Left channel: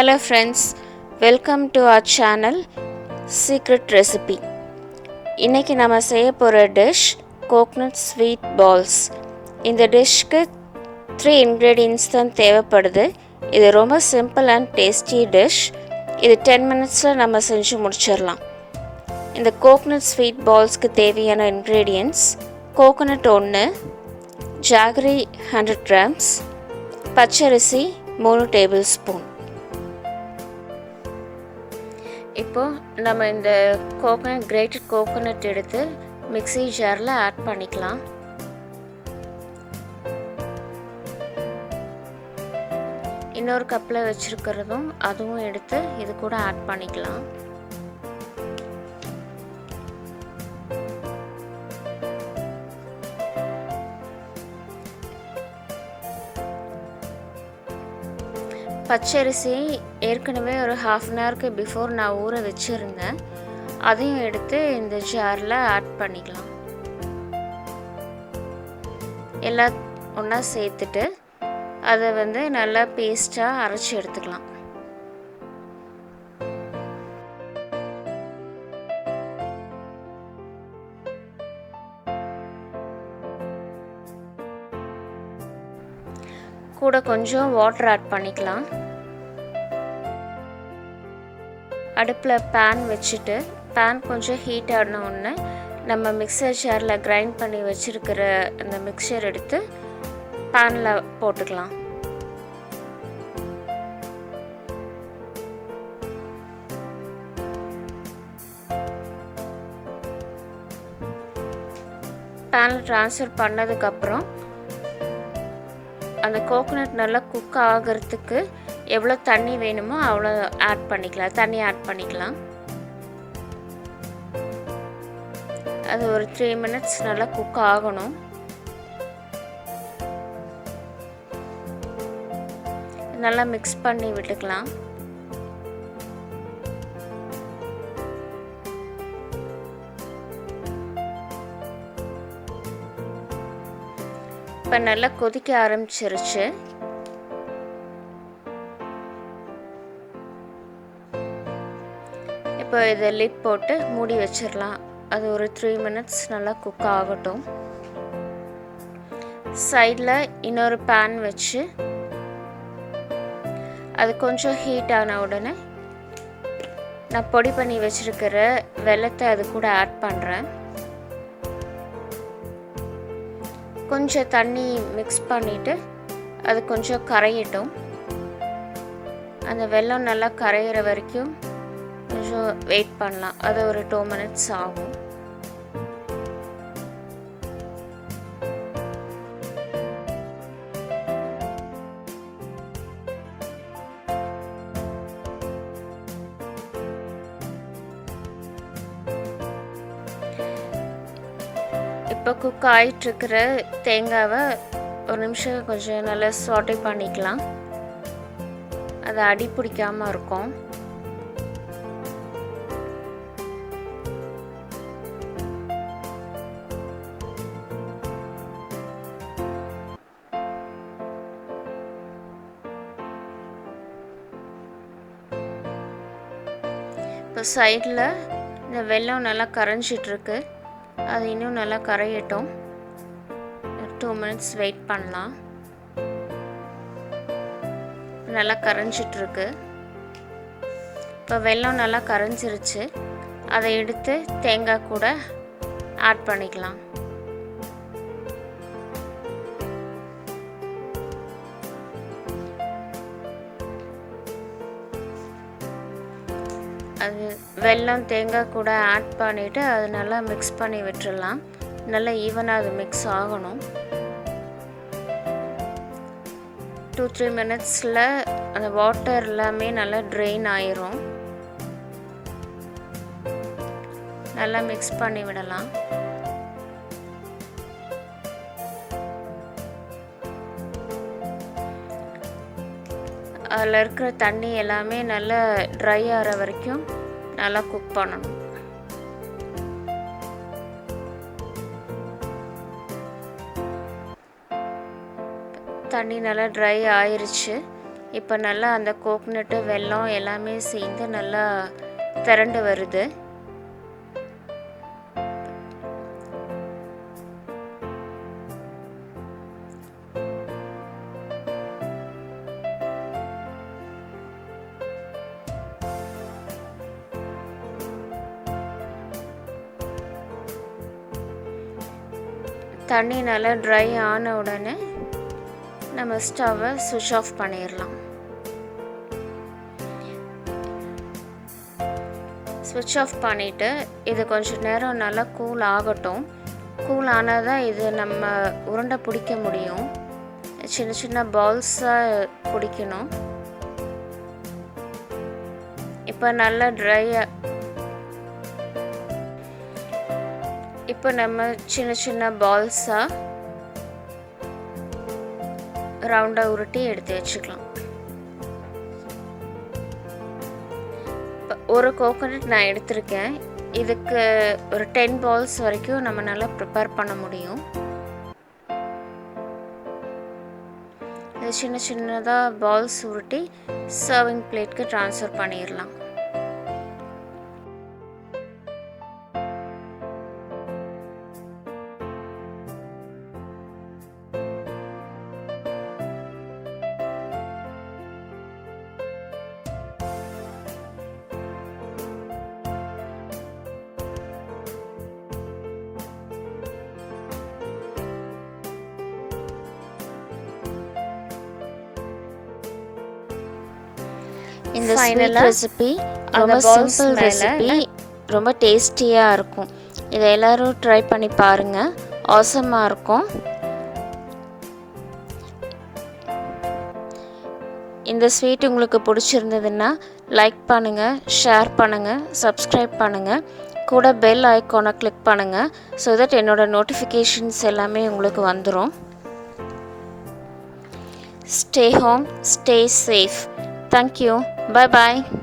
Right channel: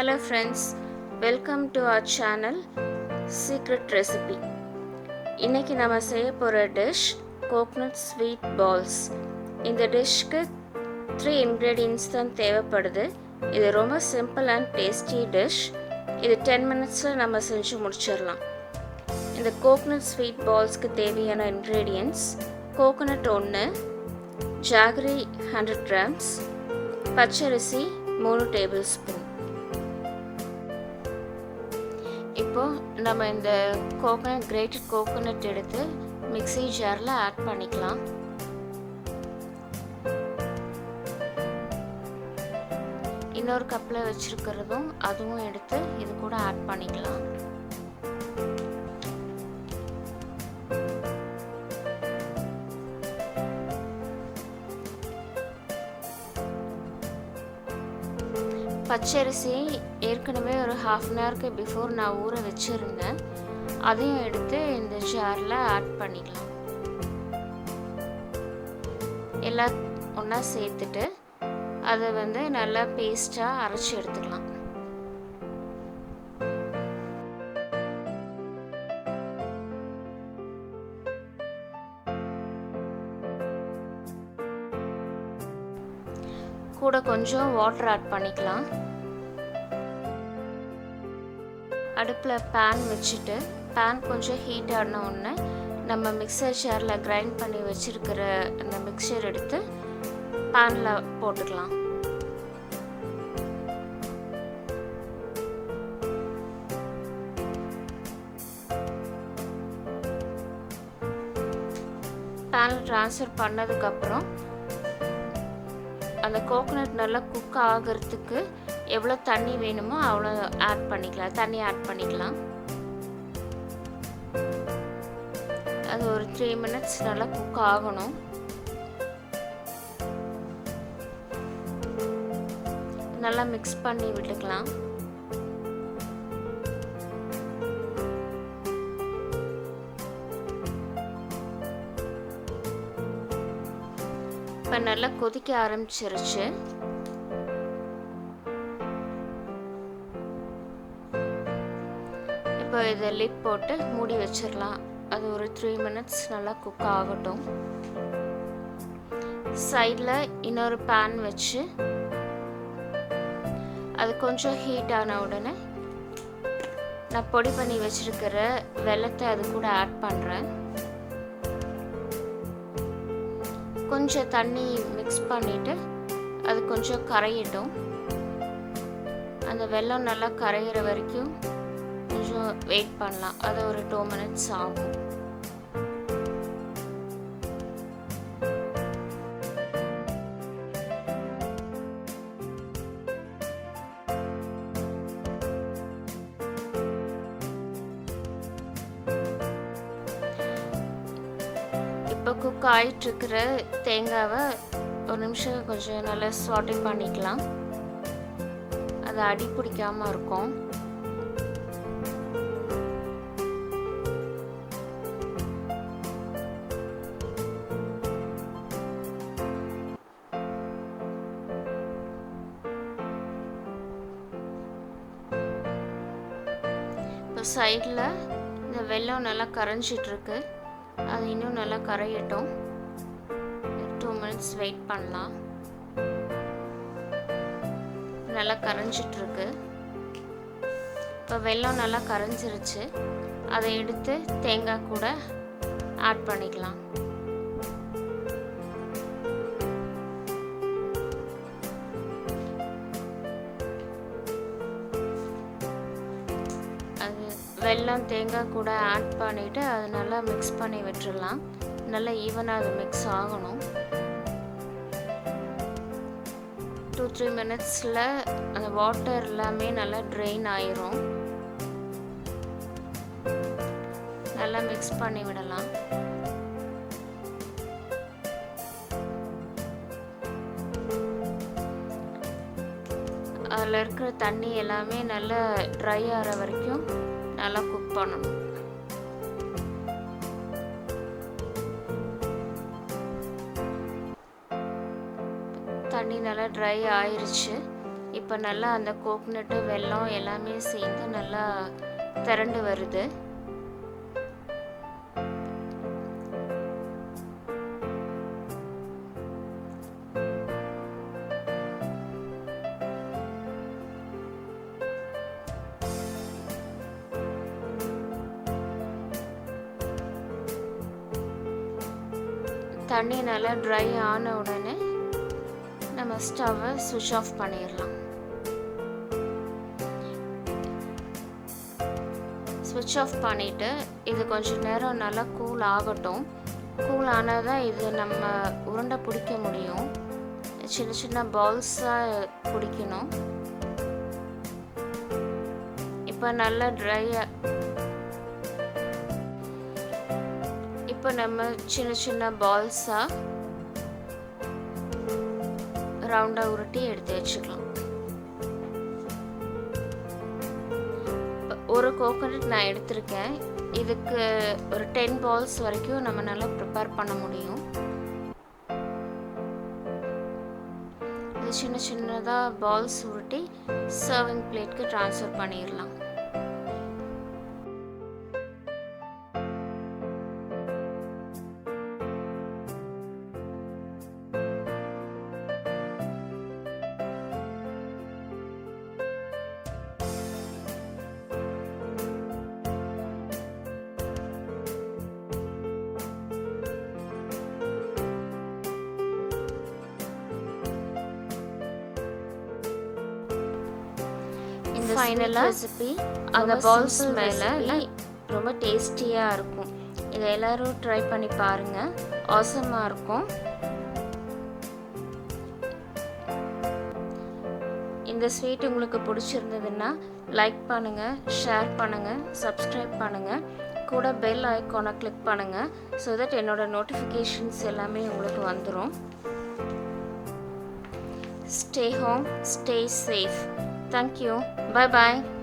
Hello friends, welcome to our channel Secret Recipe. இன்னைக்கு நம்ம செய்ய போகிற டிஷ் கோகனட் ஸ்வீட் பால்ஸ். இந்த டிஷ்க்கு 3 ingredients தான் தேவைப்படுது. இது ரொம்ப சிம்பிள் அண்ட் டேஸ்டி டிஷ். இது 10 minutesல நம்ம செஞ்சு முடிச்சிடலாம். இந்த கோகனட் ஸ்வீட் பால்ஸ்க்கு தேவையான ingredients கோகனட் 1, ஜாகரி 100 grams, பச்சரிசி 3 tablespoon. இப்போது நம்ம இந்த கிரேட்டட் கோகோனட் எடுத்து மிக்ஸி ஜாரில் ஆட் பண்ணிக்கலாம். இன்னொரு கப்பில் வச்சுருக்கிறதும் அதுவும் எடுத்து இது கூட ஆட் பண்ணிக்கலாம். பச்சரிசி ஏற்கனவே ஒரு ½ an hour பிஃபோர் நான் ஊற வச்சுருந்தேன். அதையும் எடுத்து இந்த ஜாரில் ஆட் பண்ணிக்கலாம். எல்லாம் ஒன்றா சேர்த்துட்டு அதை நல்லா பேஸ்ட்டாக அரைச்சி எடுத்துக்கலாம். கூட கொஞ்சம் வாட்டர் ஆட் பண்ணிக்கலாம். அடுப்பில் பேன் வச்சுட்டு பேன் கொஞ்சம் ஹீட் ஆன உடனே நம்ம மிக்சர் ஜாரில் கிரைண்ட் பண்ணி வச்சுருக்கிற அந்த மிக்சர் எடுத்து பேனில் போட்டுக்கலாம். பேனில் ட்ரான்ஸ்ஃபர் பண்ணதுக்கப்புறம் அந்த கோகோனட் நல்லா குக் ஆகிறதுக்கு எவ்வளோ தண்ணி வேணுமோ அவ்வளோ தண்ணி ஆட் பண்ணிக்கலாம். அது ஒரு 3 minutes நல்லா குக் ஆகணும். நல்லா மிக்ஸ் பண்ணி விட்டுக்கலாம். இப்போ நல்லா கொதிக்க ஆரம்பிச்சிருச்சு. இப்போ இதை லிட் போட்டு மூடி வச்சிடலாம். அது ஒரு 3 minutes நல்லா குக் ஆகட்டும். சைடில் இன்னொரு பேன் வச்சு அது கொஞ்சம் ஹீட் ஆன உடனே நான் பொடி பண்ணி வச்சுருக்கிற வெல்லத்தை அது கூட ஆட் பண்ணுறேன். கொஞ்சம் தண்ணி மிக்ஸ் பண்ணிவிட்டு அது கொஞ்சம் கரையட்டும். அந்த வெல்லம் நல்லா கரையிற வரைக்கும் கொஞ்சம் வெயிட் பண்ணலாம். அது ஒரு 2 minutes ஆகும். இப்போ குக் ஆகிட்டுருக்கிற தேங்காவை ஒரு நிமிஷம் கொஞ்சம் நல்லா சாட்டே பண்ணிக்கலாம். அது அடி பிடிக்காமல் இருக்கும். இப்போ சைடில் இந்த வெல்லம் நல்லா கரைஞ்சிட்ருக்கு. அது இன்னும் நல்லா கரையட்டும். 2 minutes வெயிட் பண்ணலாம். நல்லா கரைஞ்சிட்ருக்கு. இப்போ வெல்லம் நல்லா கரைஞ்சிருச்சு. அதை எடுத்து தேங்காய் கூட ஆட் பண்ணிக்கலாம். அது வெல்லம் தேங்காய் கூட ஆட் பண்ணிவிட்டு அது நல்லா மிக்ஸ் பண்ணி விட்டுடலாம். நல்லா ஈவனாக அது மிக்ஸ் ஆகணும். 2-3 minutesல அந்த வாட்டர் எல்லாமே நல்லா ட்ரெயின் ஆயிரும். நல்லா மிக்ஸ் பண்ணி விடலாம். அதில் இருக்கிற தண்ணி எல்லாமே நல்லா ட்ரை ஆகிற வரைக்கும் நல்லா குக் பண்ணணும். தண்ணி நல்லா ட்ரை ஆயிருச்சு. இப்போ நல்லா அந்த கோக்னட்டு வெல்லம் எல்லாமே சேர்ந்து நல்லா திரண்டு வருது. தண்ணி நல்லா ட்ரை ஆன உடனே நம்ம ஸ்டவ்வை சுவிட்ச் ஆஃப் பண்ணிடலாம். ஸ்விட்ச் ஆஃப் பண்ணிவிட்டு இது கொஞ்சம் நேரம் நல்லா கூல் ஆகட்டும். கூல் ஆனால் தான் இது நம்ம உருண்டை பிடிக்க முடியும். சின்ன சின்ன பால்ஸாக பிடிக்கணும். இப்போ நல்லா இப்போ நம்ம சின்ன சின்ன பால்ஸாக ரவுண்டாக உருட்டி எடுத்து வச்சுக்கலாம். ஒரு கோகோனட் நான் எடுத்திருக்கேன். இதுக்கு ஒரு 10 பால்ஸ் வரைக்கும் நம்ம நல்லா ப்ரிப்பேர் பண்ண முடியும். இது சின்ன சின்னதாக பால்ஸ் உருட்டி சர்விங் பிளேட்க்கு ட்ரான்ஸ்ஃபர் பண்ணிடலாம். இந்த ஃபைனல் ரெசிபி ரொம்ப சிம்பிள் ரெசிபி, ரொம்ப டேஸ்டியாக இருக்கும். இதை எல்லோரும் ட்ரை பண்ணி பாருங்கள். ஆசமாக இருக்கும். இந்த ஸ்வீட் உங்களுக்கு பிடிச்சிருந்ததுன்னா லைக் பண்ணுங்கள், ஷேர் பண்ணுங்கள், சப்ஸ்கிரைப் பண்ணுங்கள். கூட பெல் ஐக்கானை கிளிக் பண்ணுங்கள். ஸோ தட் என்னோடய நோட்டிஃபிகேஷன்ஸ் எல்லாமே உங்களுக்கு வந்துடும். Stay home, stay safe. Thank you. Bye bye.